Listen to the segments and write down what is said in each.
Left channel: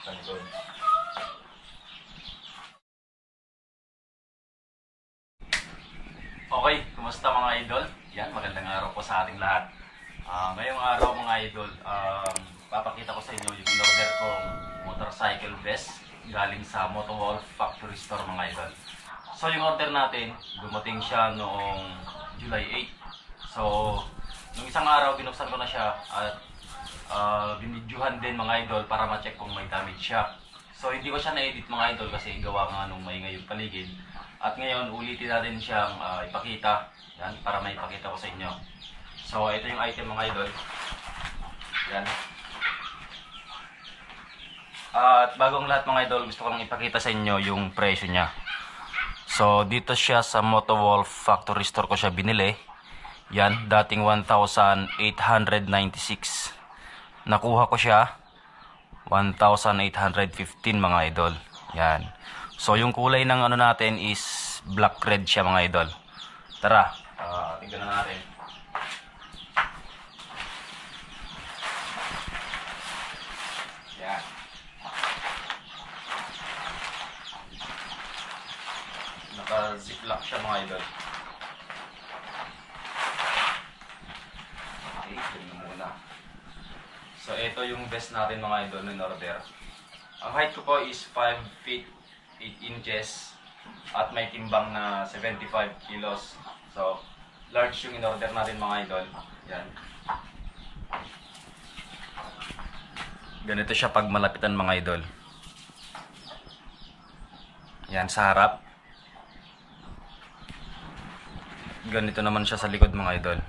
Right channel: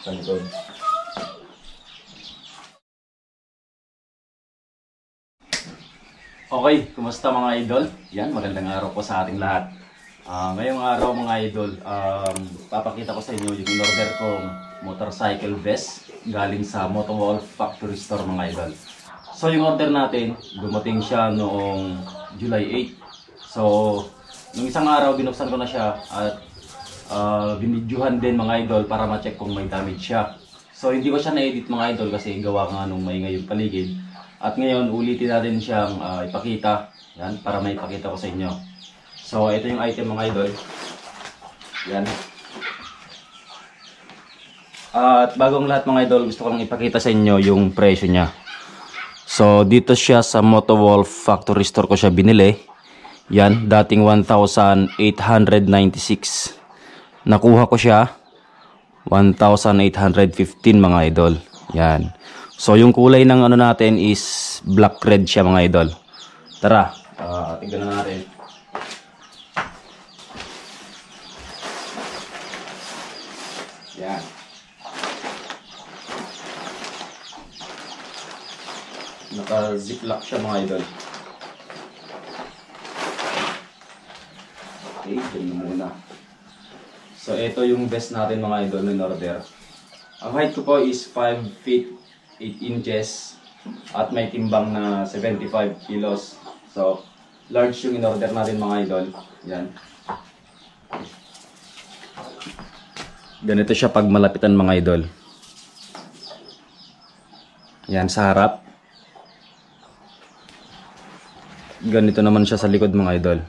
sa likod. Okay, kumusta mga idol? Yan, magandang araw po sa ating lahat. Ngayong araw mga idol, papakita ko sa inyo yung order kong motorcycle vest galing sa Motowolf Factory Store mga idol. So yung order natin, dumating siya noong July 8. So, nung isang araw binuksan ko na siya at binidyohan din mga idol para ma-check kung may damage siya. So hindi ko siya na-edit mga idol kasi gawa nga nung may ngayong paligid. At ngayon ulitin natin siyang ipakita, yan, para may ipakita ko sa inyo. So ito yung item mga idol. Yan. At bagong lahat mga idol, gusto ko lang ipakita sa inyo yung presyo niya. So dito siya sa Motowolf Factory Store ko siya binili. Yan, dating 1,896. Nakuha ko siya 1,815 mga idol. Yan. So yung kulay ng ano natin is black red siya mga idol. Tara, tingnan na natin. Yan. Naka-ziplock siya mga idol. Okay, tingnan muna. So ito yung vest natin mga idol in order. Ang height ko po is 5 feet 8 inches at may timbang na 75 kilos. So large yung in order natin mga idol. Yan. Ganito siya pag malapitan mga idol. Yan sa harap. Ganito naman siya sa likod mga idol.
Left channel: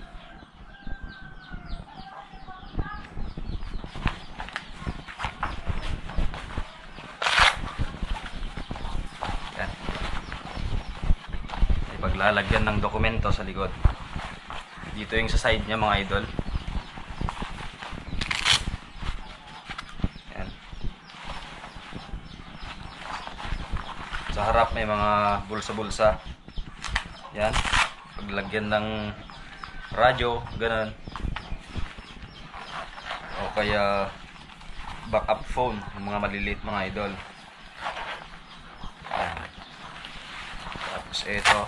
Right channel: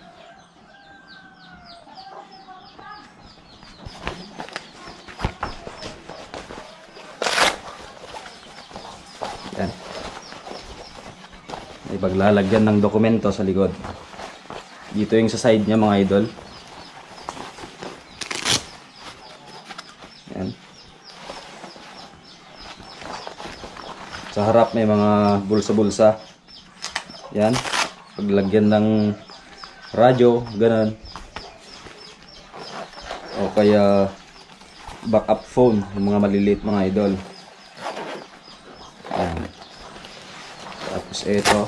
May paglalagyan ng dokumento sa likod. Dito yung sa side niya mga idol. Yan. Sa harap may mga bulsa-bulsa. Yan. Paglagyan ng radyo, ganun. O kaya backup phone, yung mga maliliit mga idol. Yan. Tapos ito.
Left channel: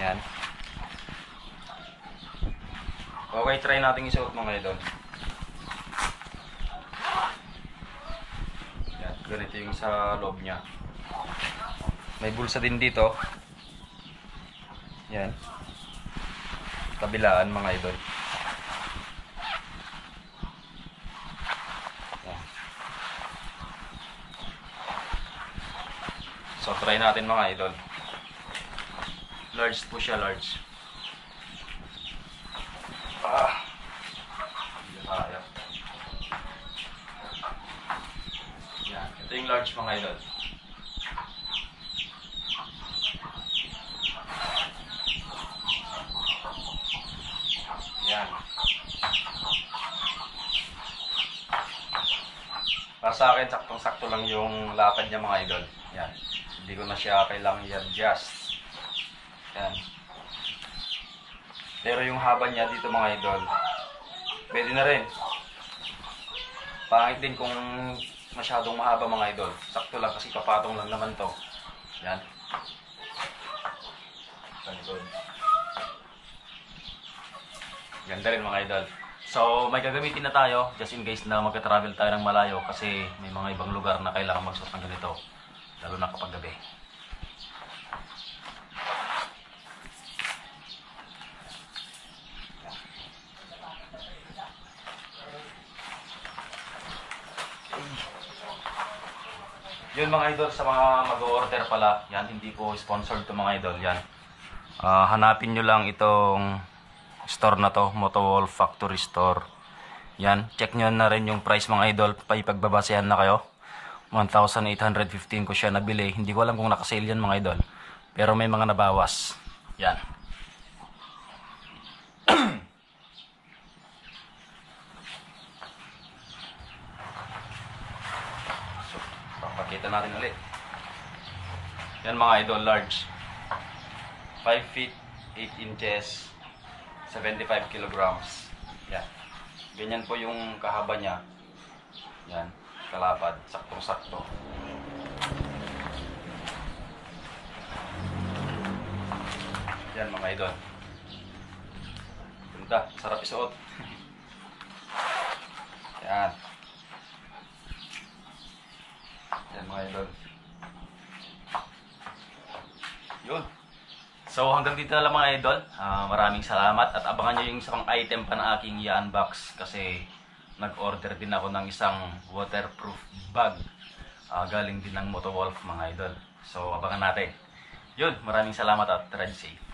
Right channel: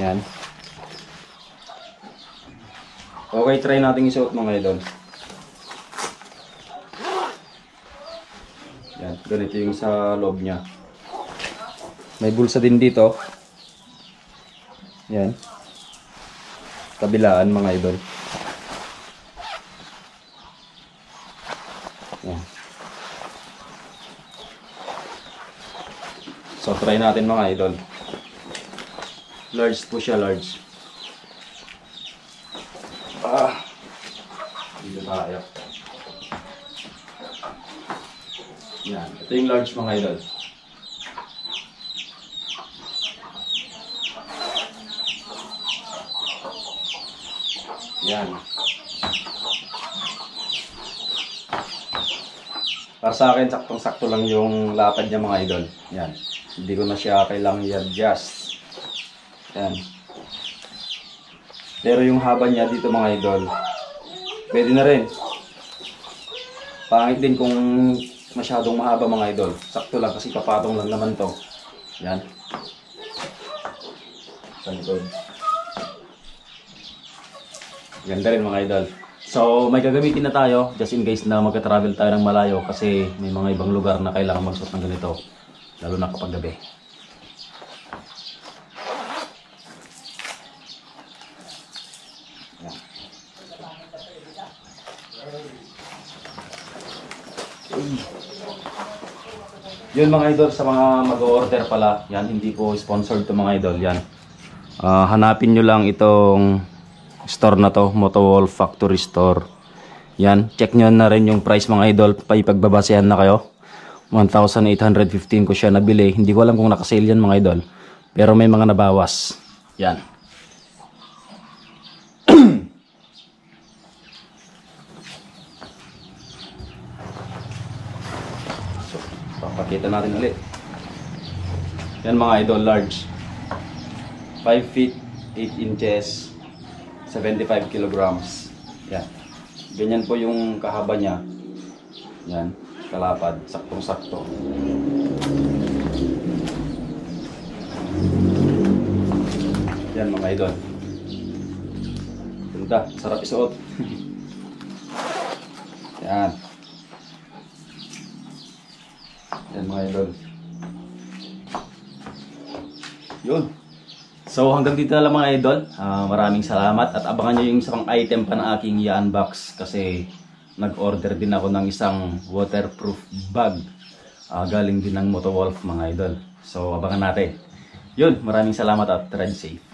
Yan. Okay, try natin isuot mga idol. Yan, ganito yung sa loob niya. May bulsa din dito. Yan. Kabilaan mga idol. Yan. So try natin mga idol. Large po siya, large. Dito tayo. Yan, ito yung large mga idol. Yan. Para sa akin, saktong-sakto lang yung lapad niya mga idol. Yan. Hindi ko na siya kailangang i-adjust. Yan. Pero yung haba niya dito mga idol, pwede na rin. Pangit din kung masyadong mahaba mga idol. Sakto lang kasi kapatong lang naman to. Yan. Sa likod. Ganda rin mga idol. So may gagamitin na tayo just in case na magka-travel tayo ng malayo kasi may mga ibang lugar na kailangan magsuot ng ganito. Lalo na kapag gabi. Yun mga idol, sa mga mag-order pala, yan, hindi po sponsored to mga idol, yan. Hanapin nyo lang itong store na to, Motowolf Factory Store. Yan, check nyo na rin yung price mga idol, paipagbabasehan na kayo. 1,815 ko siya nabili, hindi ko alam kung nakasale yan mga idol, pero may mga nabawas. Yan. Pakita natin ulit. Yan mga idol, large. 5 feet 8 inches 75 kilograms. Yan. Ganyan po yung kahaba niya. Yan, kalapad, saktong-sakto. Yan mga idol. Ganda, sarap isuot. Yan. Yan mga idol. Yun. So hanggang dito na lang mga idol. Maraming salamat at abangan nyo yung isang item pa na aking i-unbox kasi nag-order din ako ng isang waterproof bag. Galing din ng Motowolf mga idol. So abangan natin. Yun, maraming salamat at ride safe.